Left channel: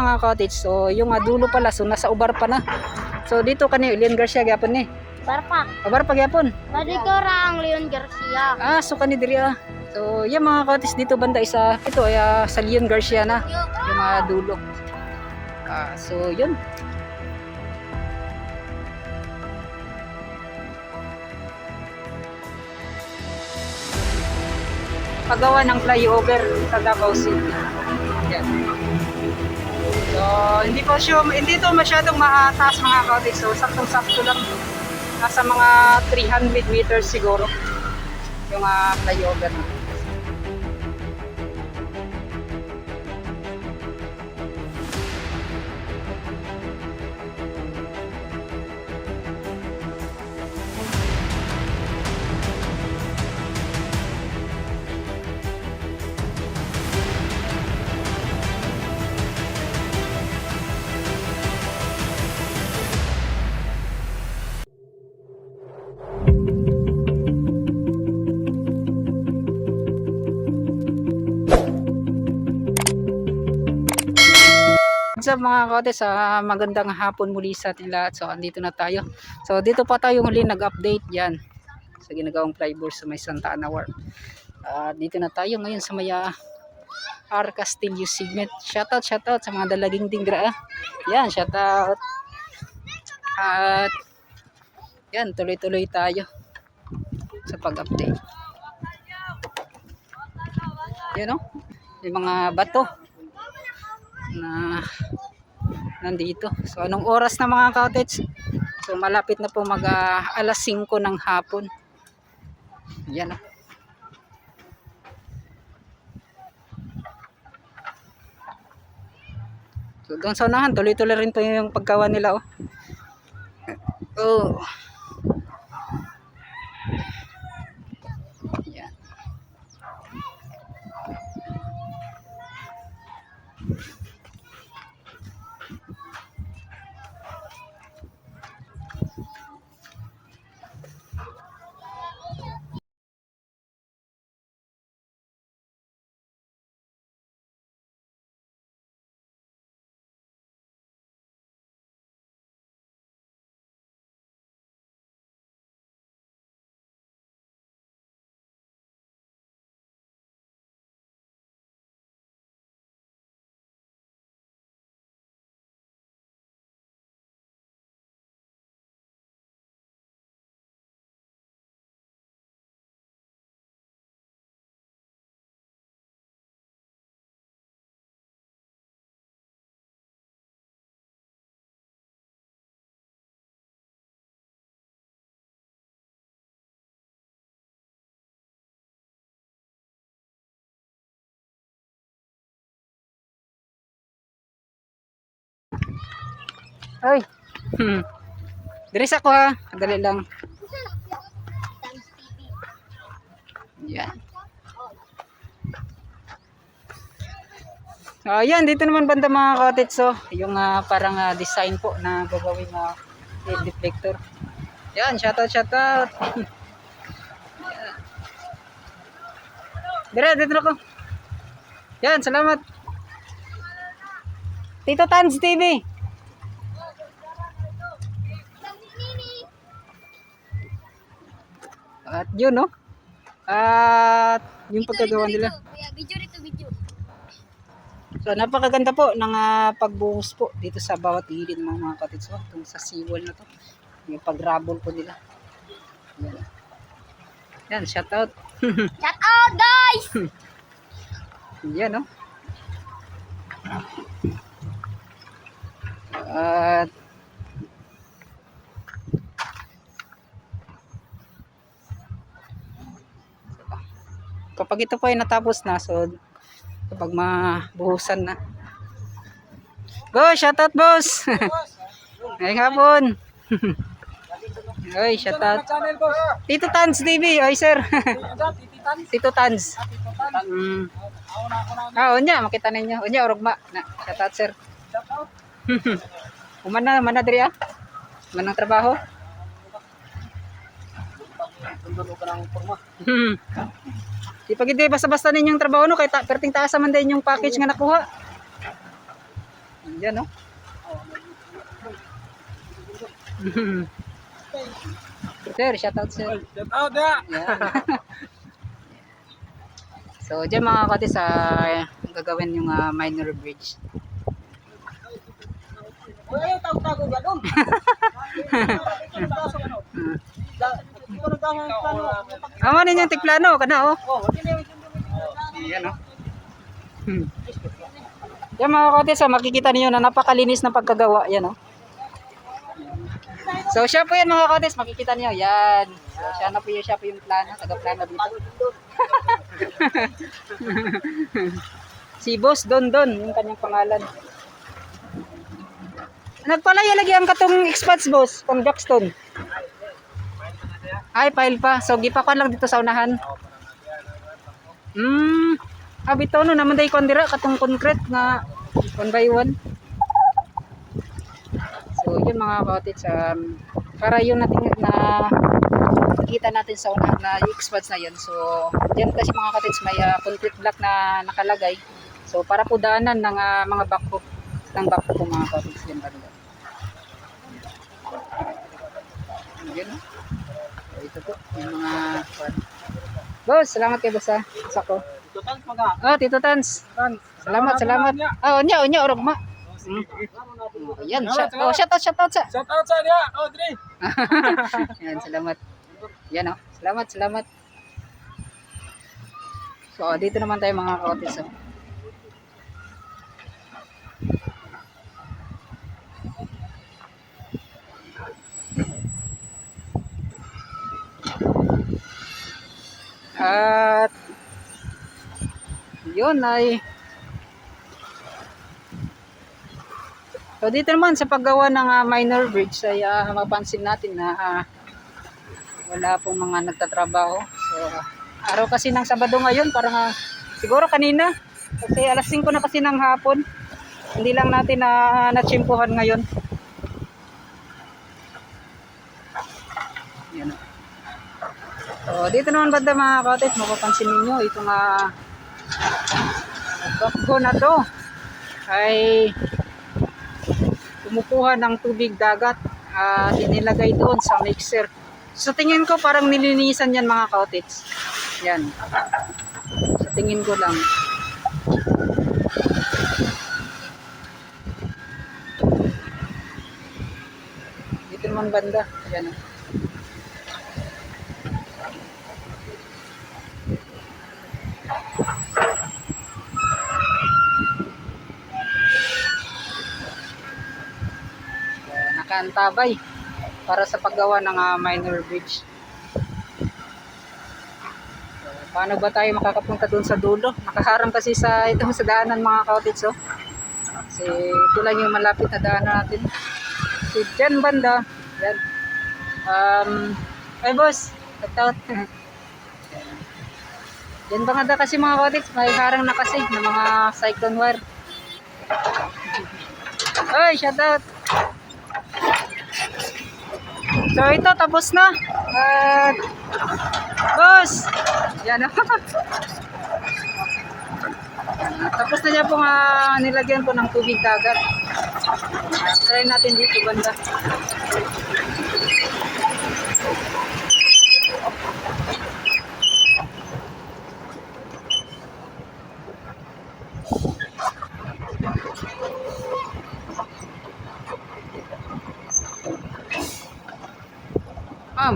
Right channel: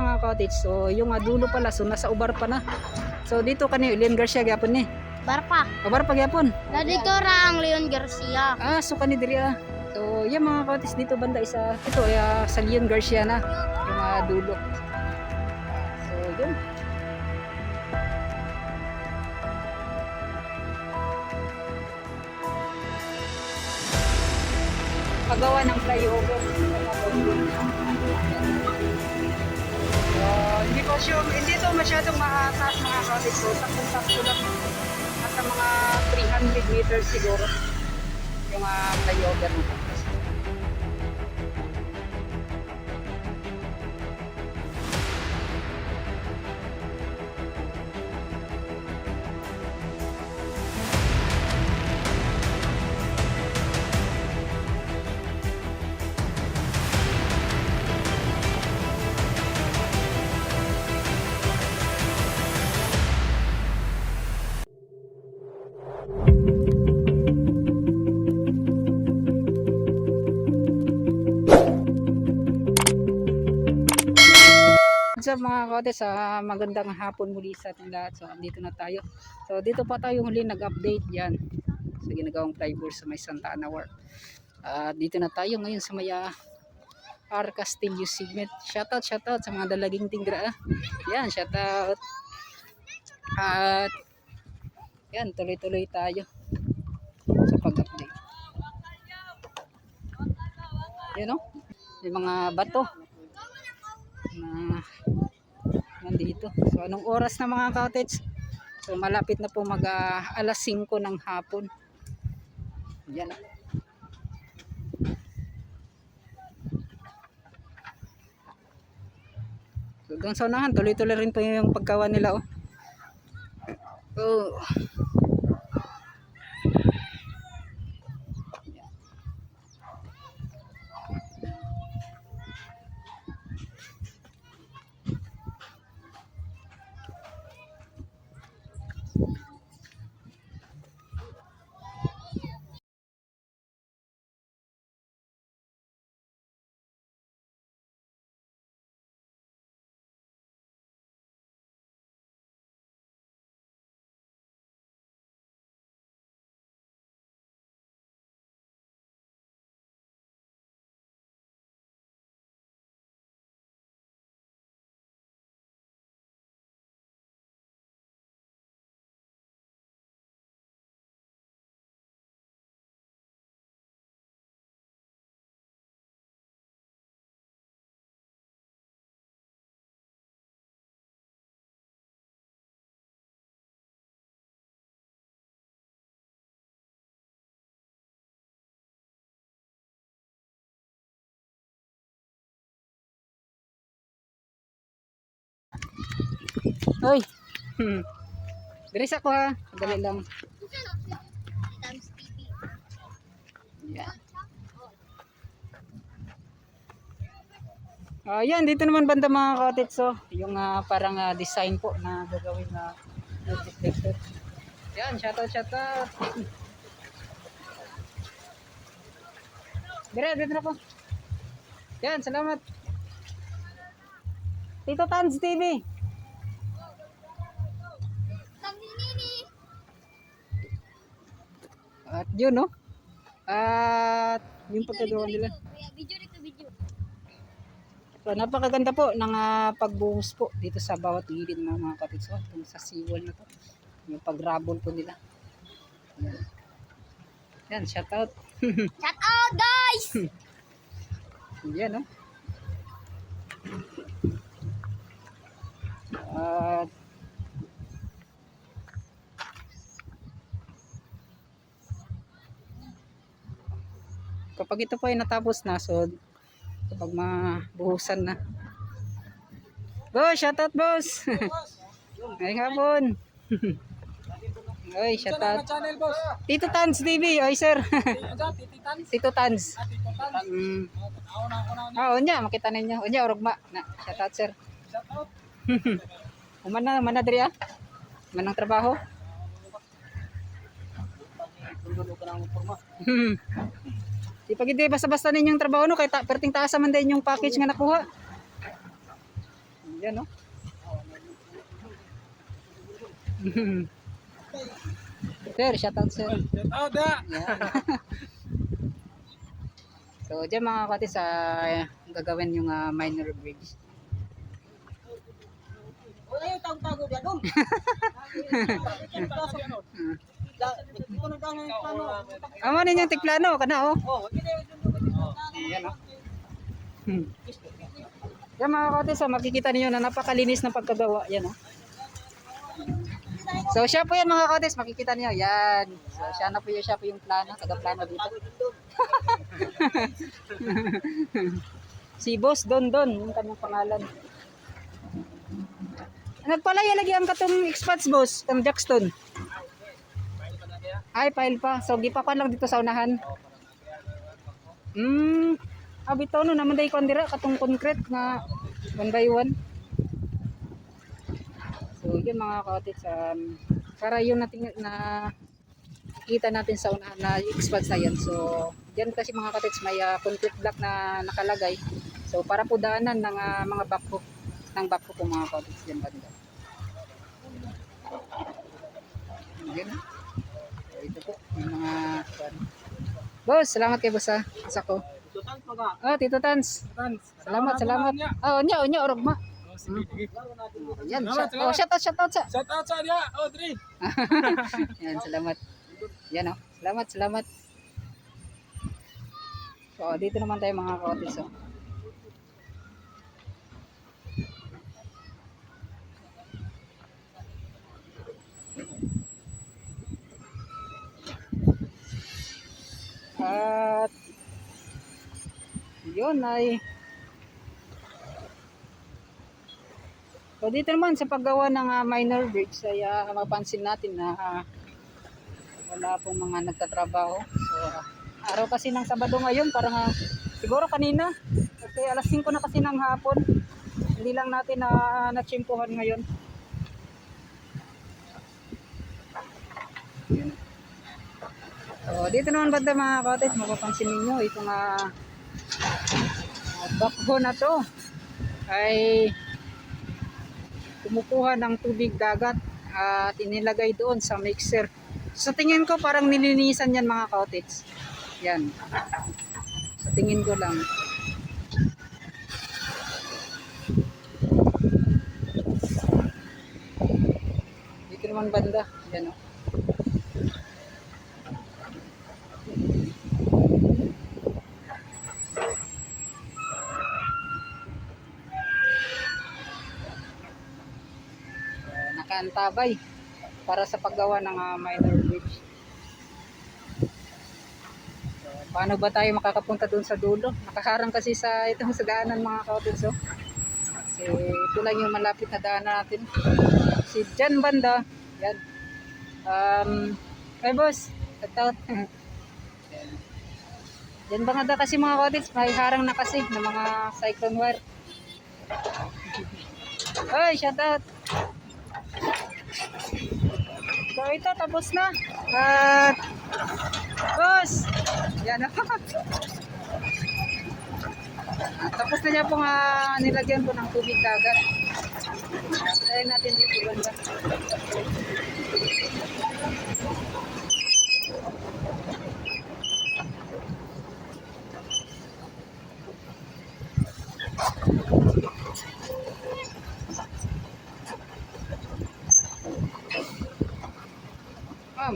mga cottage. So yung dulo pala, so nasa ubar pa na. So dito kani Leon Garcia gyapon ni. Barpa. Ubar pa gyapon. Dito rang Leon Garcia. So kani diri So yung mga cottage dito banda isa ito ay sa Leon Garcia na yung dulo. So yun. Paggawa ng flyover sa Davao City. So, hindi to masyadong mataas mga cottage. So, saktong-sakto lang. Nasa mga 300 meters siguro yung flyover. So mga cottage, magandang hapon muli sa ating lahat. So andito na tayo. So dito pa tayo muli nag-update yan sa ginagawang flyover sa may Santa Ana Wharf. Dito na tayo ngayon sa may R. Castillo segment. Shoutout sa mga dalaging dingra. Yan, shoutout. At yan, tuloy-tuloy tayo sa pag-update. Yan o, may mga bato na nandito. So anong oras na mga cottage? So malapit na po mag alas 5 ng hapon. Yan. So doon sa unahan tuloy-tuloy rin po yung paggawa nila Yan. Ay. Diris ako dali lang. Yan. Yan, dito naman banda mga cottage. So, yung parang design po na gagawin LED deflector. Yan, shoutout. Dito na ko. Yan, salamat. Tito Tans TV. At yun at yung pagkagawa nila. Video. So napakaganda po ng pagbuhos po dito sa bawat gilid mga cottage kung sa seawall na to. Yung pag-rubble po nila. Yan, shout out. Shout out guys. Yan At kapag ito po ay natapos na, so kapag mabuhusan na, go, shoutout boss. Ngayong hapon. Oy, shoutout Tito Tans TV. Oy sir. Tito Tans. Unya makita ninyo, unya orugma na. Shoutout sir. Mana diri manang trabaho. Di pag hindi basta-basta ninyong trabaho kay perting taas man din yung package nga nakuha. Yan, no? Sir, shoutout sir. Shout out da. Yan. So, dyan mga katis, gagawin yung minor bridge. O ayaw tago-tago ba dong? Amo ninyo yung tiklano, kana oh. Yan oh. Yan mga katis, makikita niyo na napakalinis ng pagkagawa. Yan oh. So siya po yan mga katis, makikita niyo. Yan. So siya po yung plano, taga-plano dito. Si Boss Don, yung kanyang pangalan. Nagpalaya lagi ang katong expats boss, kang Jackson. Ay, file pa. So gipakuan lang dito sa unahan. Abito no naman day kon dira katong concrete na 1 by 1. So yun mga kaotits, para yun natin na makita natin sa unahan na expats na yan. So diyan kasi mga kaotits may concrete block na nakalagay. So para po daanan ng mga bako po mga kaotits din talaga. Yun. Ito po yung mga boss, salamat kay boss sako. Tito Tans maga. Oh, Tito Tans. Salamat. Onya orog ma. Yan, shout out sa. Shout out sa dia. Audrey. Yan, salamat. Yan oh. Salamat. So, dito naman tayo mga kaotis. Oh. At yun ay so dito naman sa paggawa ng minor bridge ay mapansin natin na wala pong mga nagtatrabaho. So araw kasi ng Sabado ngayon, parang siguro kanina kasi alas 5 na kasi ng hapon, hindi lang natin natsimpuhan ngayon. Yan. So dito naman banda mga kaotis, mapapansin ninyo itong bakho na to ay kumukuha ng tubig dagat at inilagay doon sa mixer. So tingin ko parang nilinisan yan mga kaotits. Yan. So tingin ko lang. Dito naman banda. Yan o. Nakaantabay para sa paggawa ng minor bridge. Paano ba tayo makakapunta doon sa dulo? Nakaharang kasi sa itong sa daanan mga kaotits. Oh. Kasi ito lang yung malapit na daanan natin. Si Jan banda. Yan. Hey boss, shout out. Yan bangada kasi mga kaotits, may harang na kasi ng mga cyclone wire. Oy, shout out. So ito tapos na. Boss. Yan. Tapos na niya pong nilagyan ko ng tubig dagat. Try natin dito banda.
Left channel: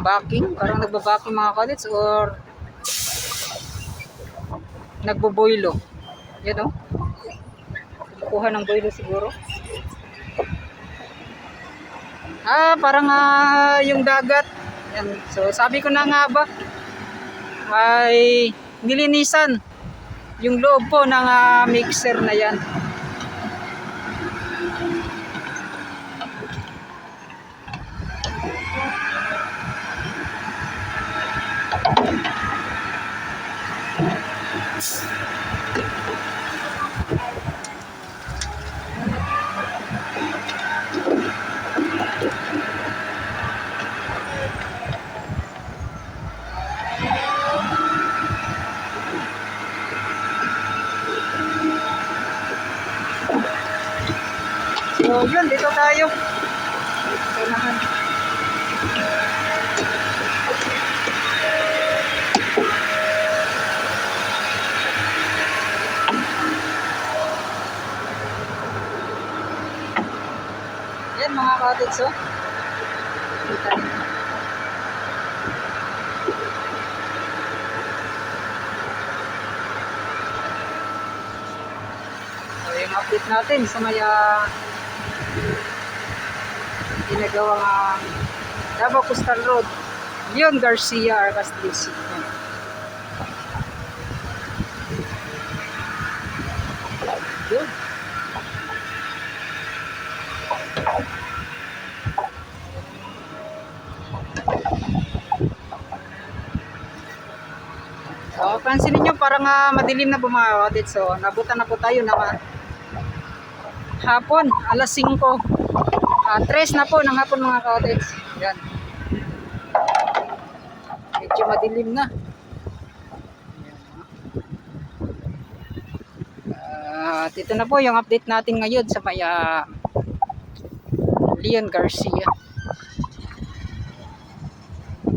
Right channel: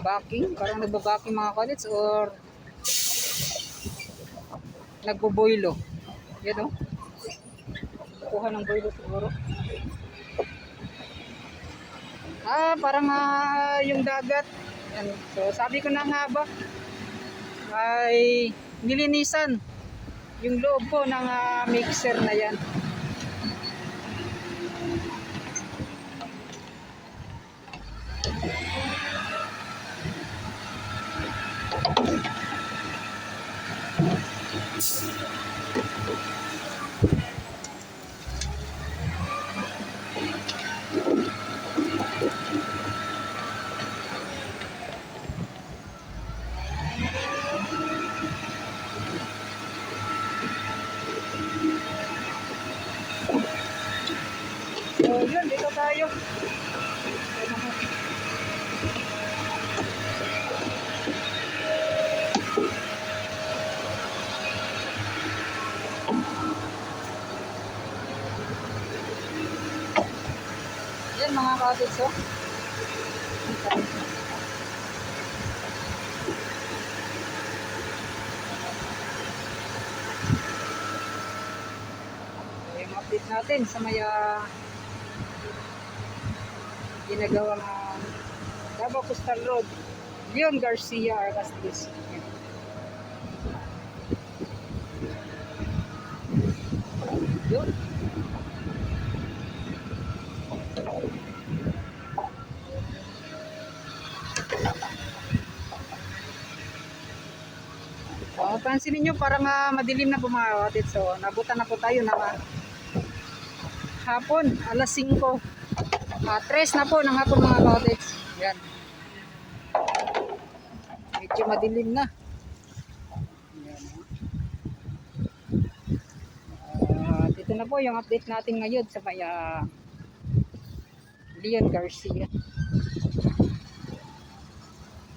Backing, parang nagbabaking mga kalits or nagboboilo. Yan o. Kuha ng boilo siguro. Parang yung dagat. Yan. So sabi ko na nga ba ay nilinisan yung loob po ng mixer na yan. So yun, dito tayo. Ito naman. Yan mga cottage, oh. Kita niyo. So yung update natin sa may ginagawang Davao Coastal Road, Leon Garcia, Arcas del Sur. Yun. So, pansinin nyo parang madilim na po mga kapatid. So, nabutan na po tayo ng hapon, alas 5. 3 na po ng hapon mga kapatid. Yan. Medyo madilim na. Dito na po yung update natin ngayon sa may Leon Garcia.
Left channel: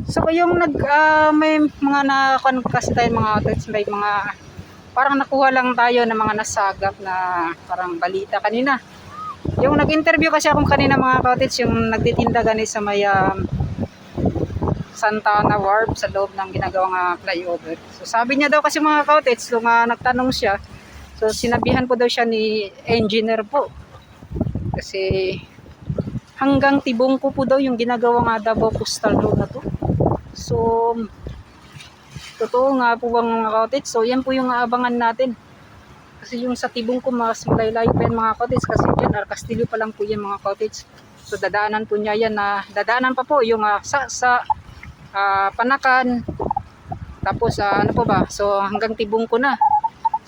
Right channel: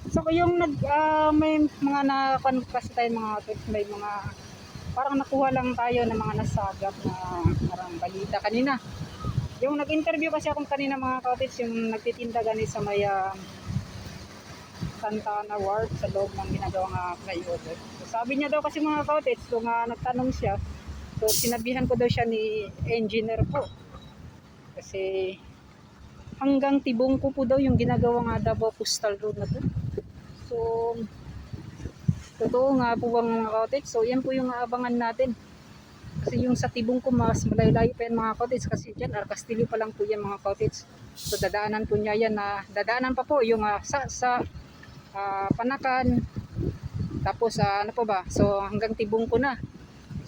So yung may mga kasi tayo mga outlets, may mga parang nakuha lang tayo ng mga nasagap na parang balita kanina. Yung nag-interview kasi akong kanina mga cottage, yung nagtitinda gani sa may Santa Ana Wharf sa loob ng ginagawang flyover. So sabi niya daw kasi mga cottage, nung nagtanong siya, so sinabihan po daw siya ni engineer po. Kasi hanggang Tibungko po daw yung ginagawang Davao Coastal Road na to. So, totoo nga po bang mga cottage? So, yan po yung aabangan natin. Kasi yung sa Tibungko, mas malayo pa yan mga cottage. Kasi yan, Castillo pa lang po yan mga cottage. So, dadaanan po niya yan na, dadaanan pa po yung Panakan. Tapos, ano po ba? So, hanggang Tibungko na.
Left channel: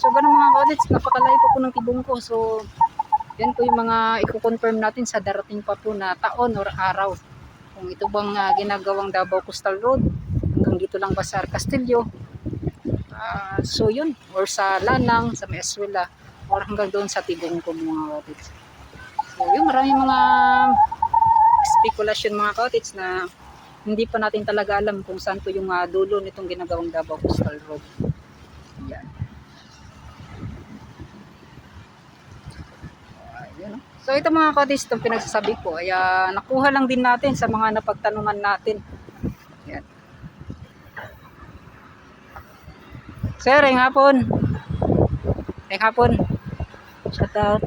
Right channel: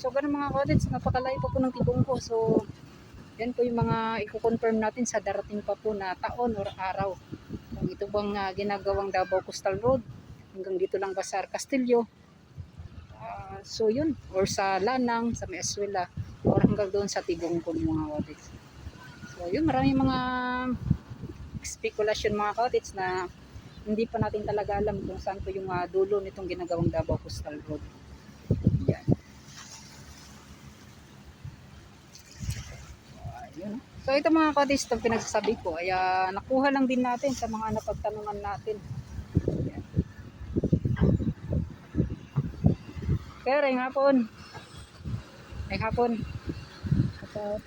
So, ganun mga cottage, napakalayo pa po ng Tibungko. So, yan po yung mga i-confirm natin sa darating pa po na taon or araw. Kung ito bang ginagawang Davao Coastal Road hanggang dito lang ba sa Castillo, so yun, or sa Lanang, sa Eswela, or hanggang doon sa Tibungko mga cottage. So yun, maraming mga speculation mga cottage na hindi pa natin talaga alam kung saan po yung dulo nitong ginagawang Davao Coastal Road. Yan. So ito mga cottage, itong pinagsasabi ko ay nakuha lang din natin sa mga napagtanungan natin. Yan. Sir, ngayong hapon. Ngayong hapon. Shout out.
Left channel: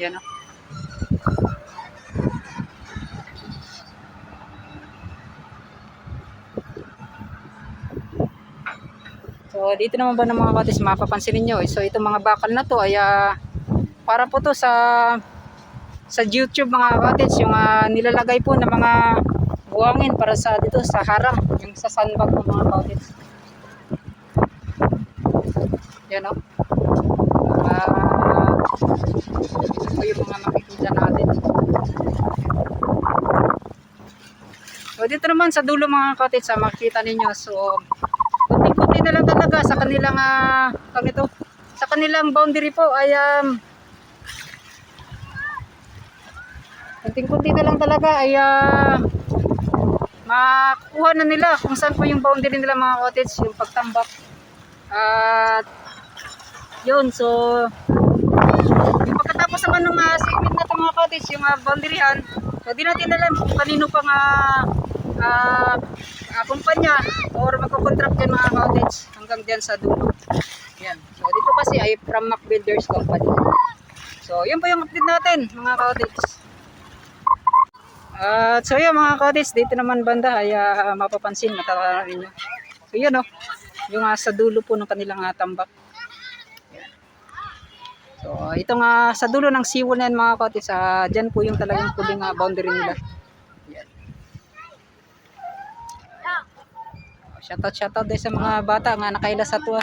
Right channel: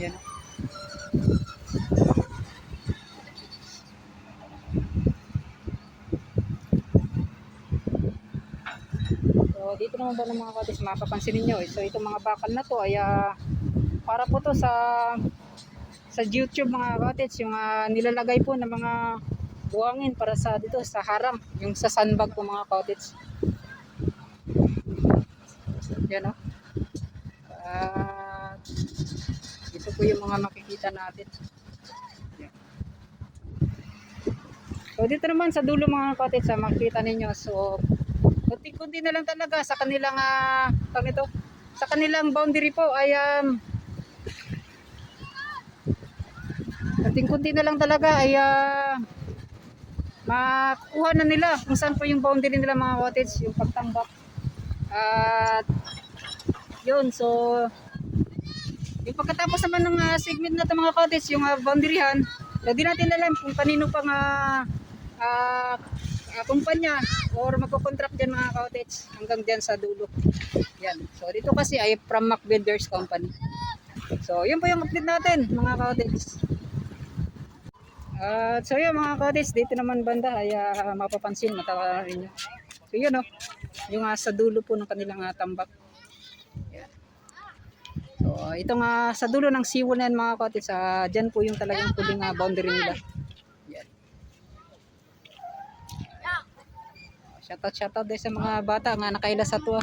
Yan o. So dito naman ba ng mga cottage, mapapansin niyo. So itong mga bakal na to ay para po to sa YouTube mga cottage, yung nilalagay po ng mga buwangin para sa dito sa harang, yung sa sandbag ng mga cottage. Yan o. Ito yung mga makikita natin. So dito naman sa dulo mga cottage, makikita ninyo. So kunti-kunti na lang talaga sa kanilang sa kanilang boundary po ay kunti na lang talaga ay makuha na nila kung saan po yung boundary nila mga cottage, yung pagtambak. At yun, so yung pagkatapos naman ng segment na ito mga cottage, yung boundaryhan, so di natin alam kung kanino pang kumpanya or magkocontract yan mga cottage hanggang dyan sa dulo. Yan. So dito kasi ay from Mac Builders Company. So yun po yung update natin mga cottage. So yun mga cottage, dito naman banda ay mapapansin, matatala ninyo. So yun o, yung sa dulo po ng kanilang tambak. Yan. So itong sa dulo ng siwal na yan mga cottage, dyan po yung talagang puling boundary nila. Yan. Shoutout din sa mga bata nga nakaila sa tuwa.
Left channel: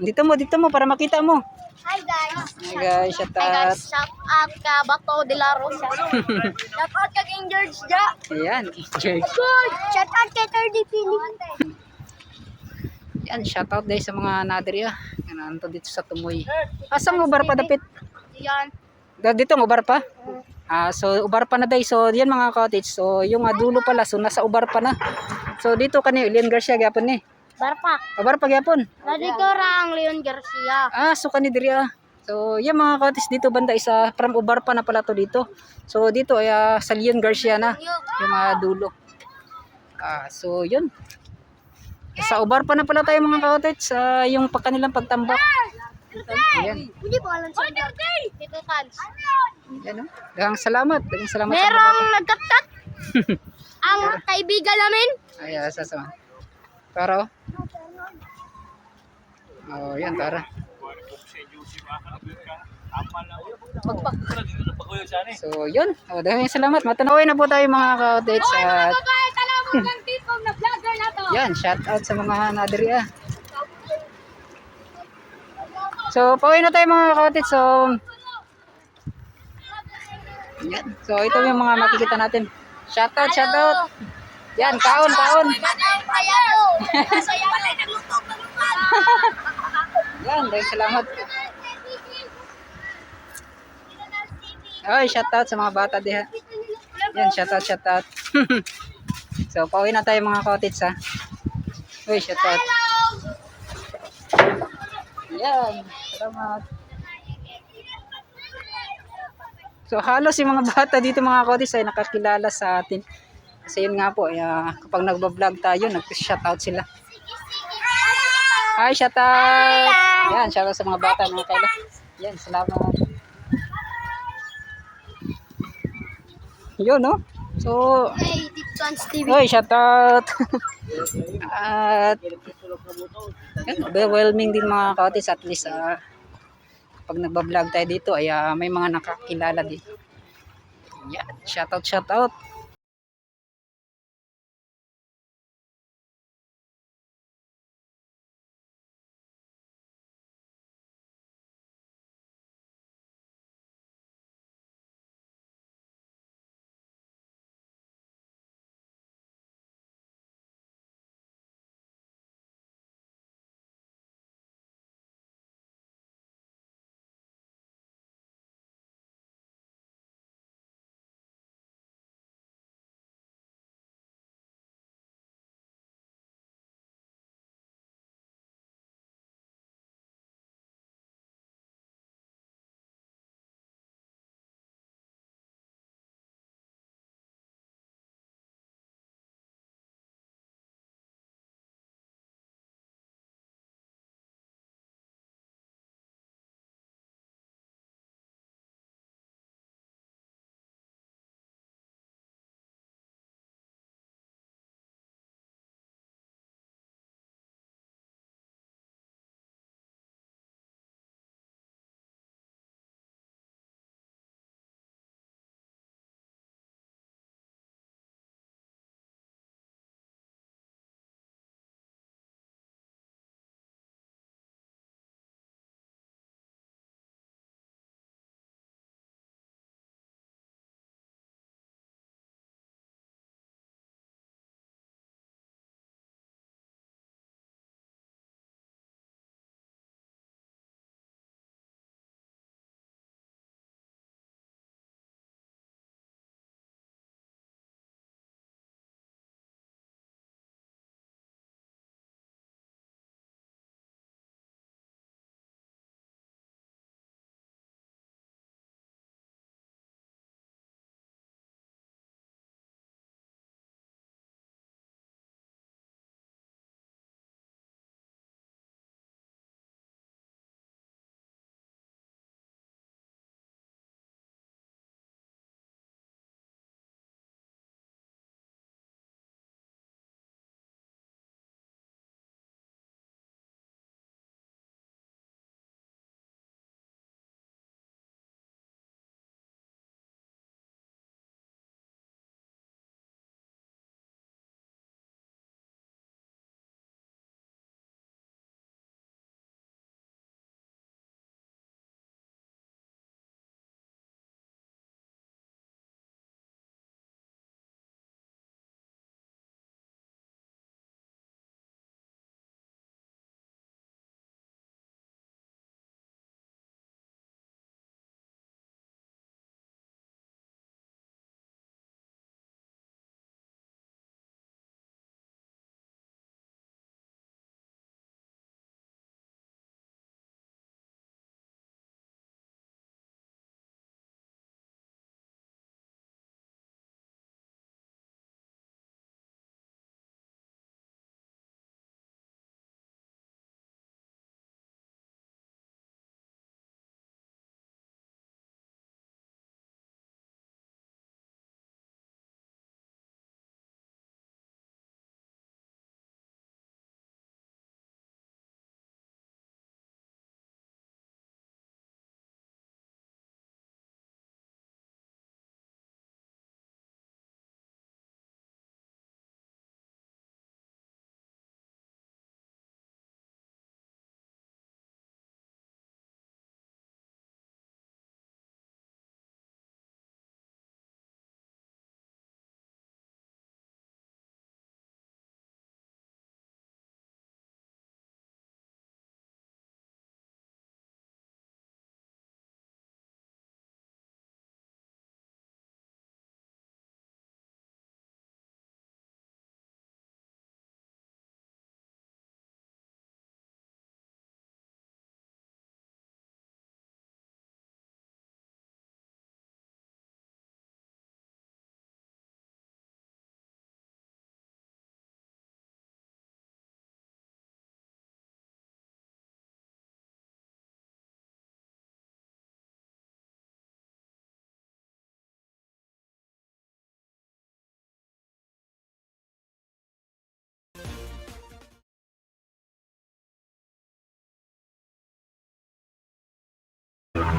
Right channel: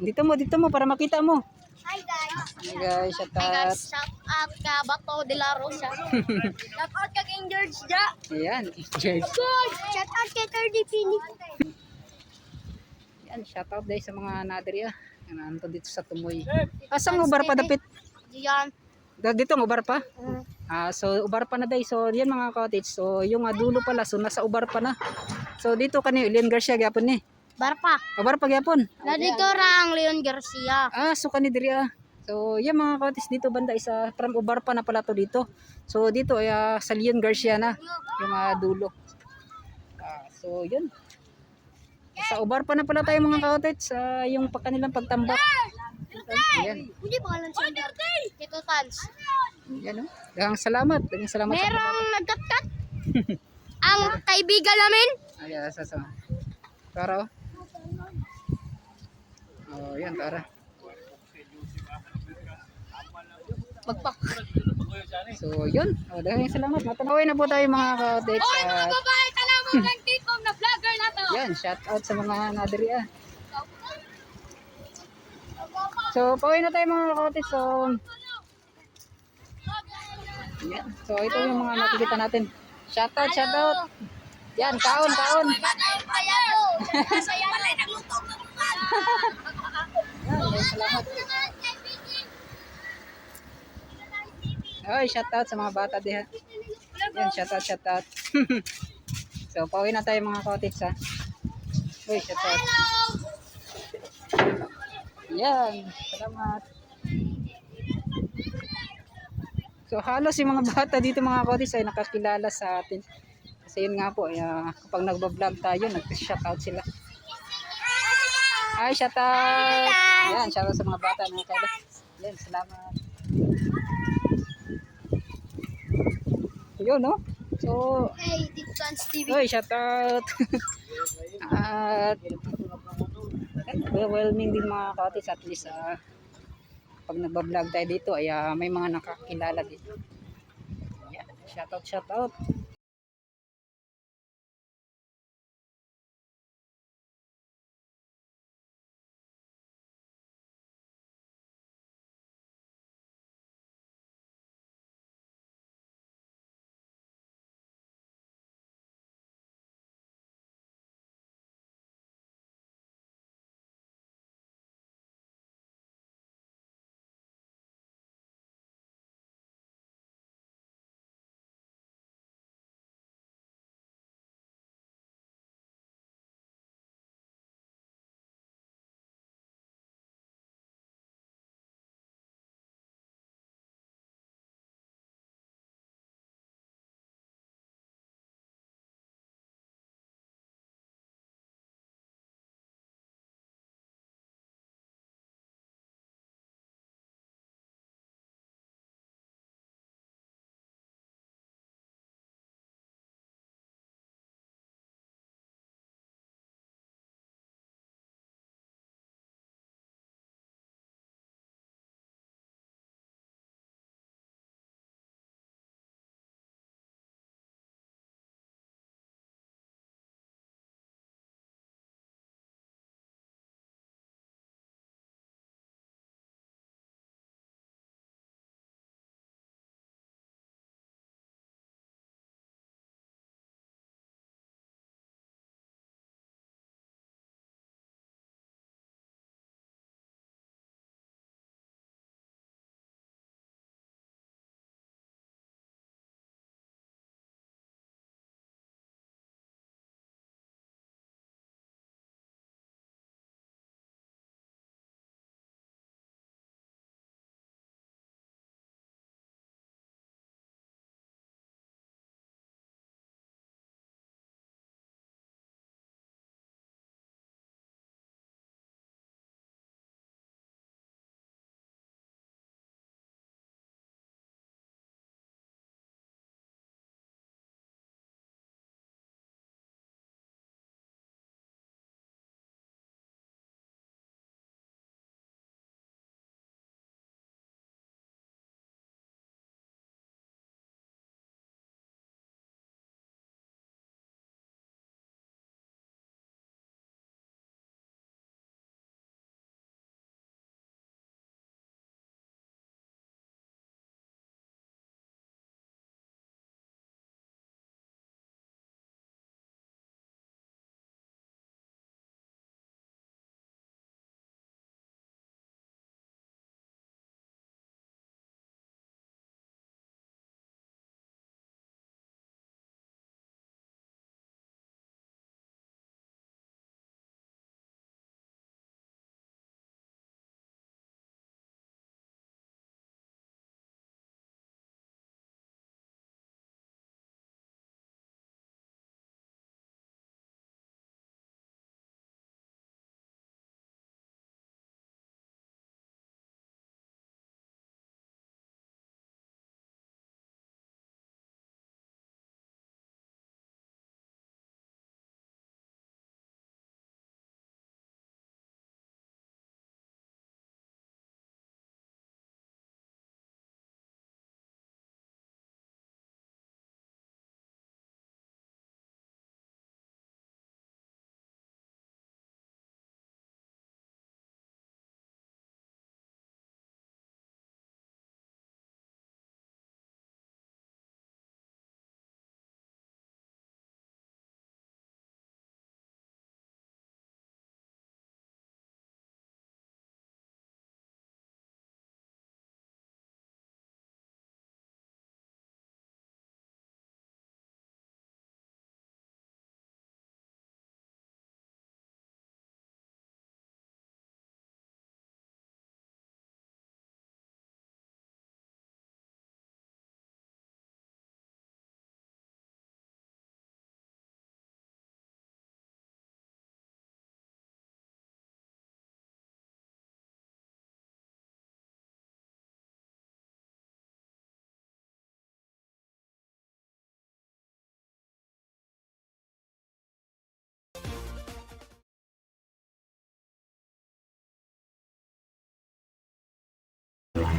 Dito mo para makita mo. Hi guys. Hi guys, shout Hi out. guys, shout out ka Bato de la Rosa. Shout out ka King George Ja. Ayan, George. Shout out kay 30 Feeling. Yan, shout out din sa mga nadri Yan, dito sa Tumoy. Asang ubar pa dapit? Diyan. Dito ng ubar pa? So ubar pa na day. So yan mga cottage. So yung dulo pala so nasa ubar pa na. So dito kani Leon Garcia gyapon ni. Barpa. Ubar pa gyapon. Nandito ang Leon Garcia. So kani diri So yan mga cottage dito banda isa from ubar pa na pala to dito. So dito ay sa Leon Garcia na yung dulo. So yun. Sa ubar pa na pala tayo mga cottage yung kanilang pagtambak. Ayan. Hindi ko alam sa Tito Tans. Yan oh. Daghang salamat. Daghang salamat sa mga Merong bata. nagkatkat. Ang kaibigan namin. Ay, sasama. Tara. Yan tara. So, yun. Daghang salamat. Matanawin na po tayo mga ka-updates. Tanawag ng tito na vlogger na to. Yan, shout out sa mga nadiri So, pauwi na tayo mga ka-updates. So, yan. So, ito yung mga makikita natin. Shout out, shout out. Yan, kaon, kaon. Kaya to. Masaya pala nagluto ng lupan. Yan, daghang salamat. Ay, shout out sa mga bata diha. Yan, shout out, shout out. So, pauwi na tayo mga cottage Uy, shout out. Yan, salamat. So, halos yung mga bata dito mga cottage ay nakakilala sa atin. Kasi yun nga po, kapag nagbablog tayo, nag-shout out sila. Hi, shout out. Yan, shout out sa mga bata mga kaila. Yan, salamat. Yun, no? So, Hey, Tito Tans TV. oy, shout out. At overwhelming din mga kautis at least pag nagba-vlog tayo dito ay may mga nakakilala dito. Yeah, shout out, shout out.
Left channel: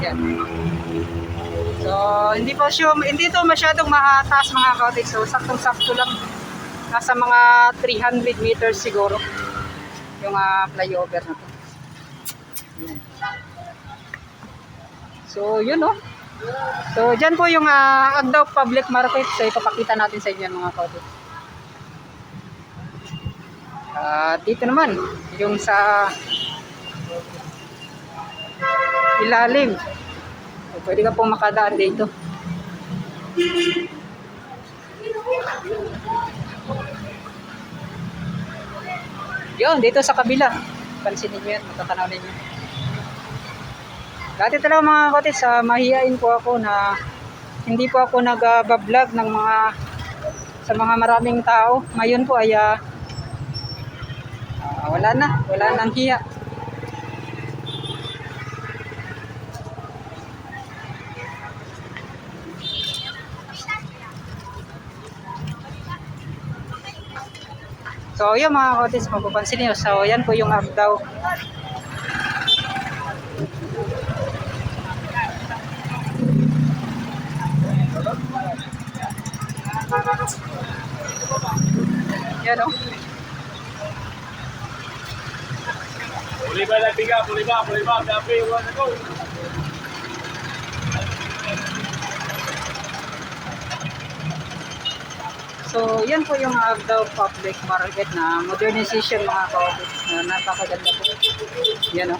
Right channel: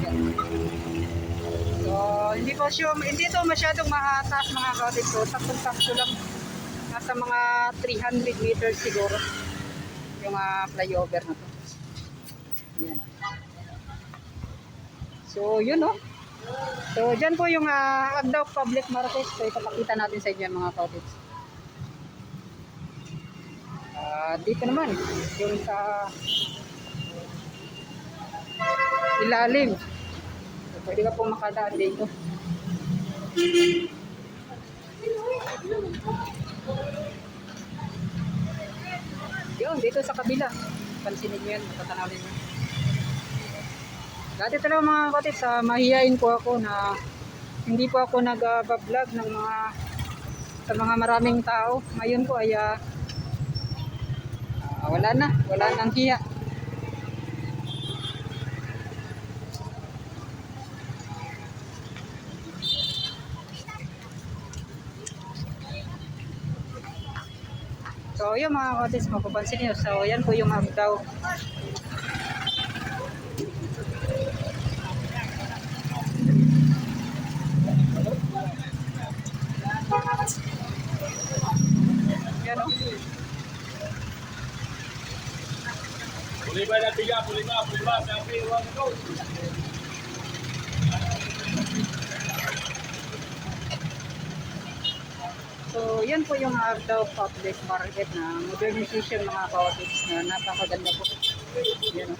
Yan. So, hindi to masyadong mataas mga cottage. So, saktong-sakto lang. Nasa mga 300 meters siguro yung flyover na. Yan. So, yun no. So, dyan po yung Agdao Public Market. So, ipapakita natin sa inyo mga cottage. Dito naman, yung sa ilalim. So, pwede ka pong makadaan dito. Yun, dito sa kabila. Pansinin nyo yan, matatanaw ninyo. Dati talaga mga kotis, mahihain po ako na hindi po ako nag-vlog ng sa mga maraming tao. Ngayon po ay wala nang hiya. So yun mga kotis, kung papansin nyo, so yan po yung Agdao. Yan o. Boleh ba na biga? Boleh ba? Tapi orang tu. So yan po yung Agdao Public Market na modernization mga kotis na napakaganda po. Yan o.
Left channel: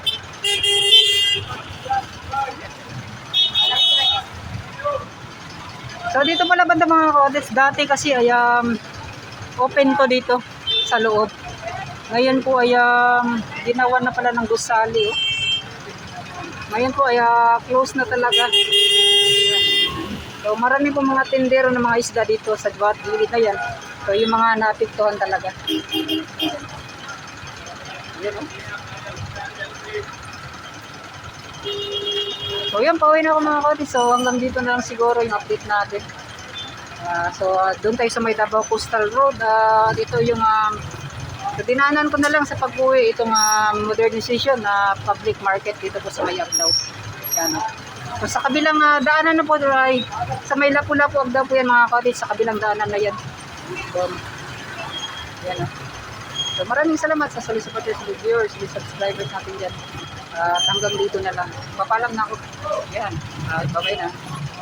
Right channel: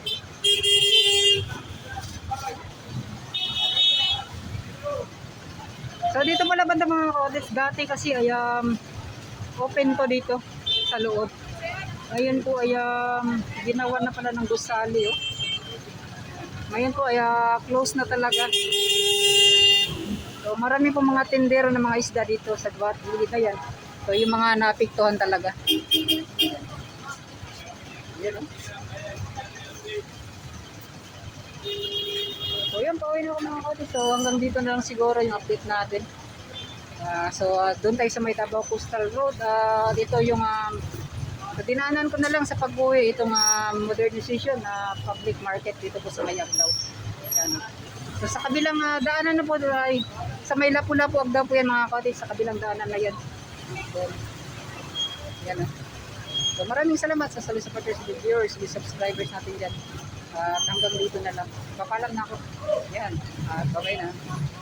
So dito pala banda mga kotis, dati kasi ay open to dito sa loob. Ngayon po ay ginawa na pala ng gusali. Oh. Ngayon po ay close na talaga. So marami po mga tindero ng mga isda dito sa gilid na yan. So yung mga napiktuhan talaga. Yan, oh. So yan, pauwi na ako mga kotis. So hanggang dito na lang siguro yung update natin. Doon tayo sa may Davao Coastal Road. Dito yung dinaanan ko na lang sa pag-uwi itong modernization na public market dito po sa may Agdao. Yan, oh. So sa kabilang daanan na po ay sa may Lapu-Lapu Agdao po yan mga kotis, sa kabilang daanan na yan. So, yan, oh. So maraming salamat sa solicitors, viewers, subscribers natin dyan. Hanggang dito na lang. Papalam na ako. Yan. Bye-bye na.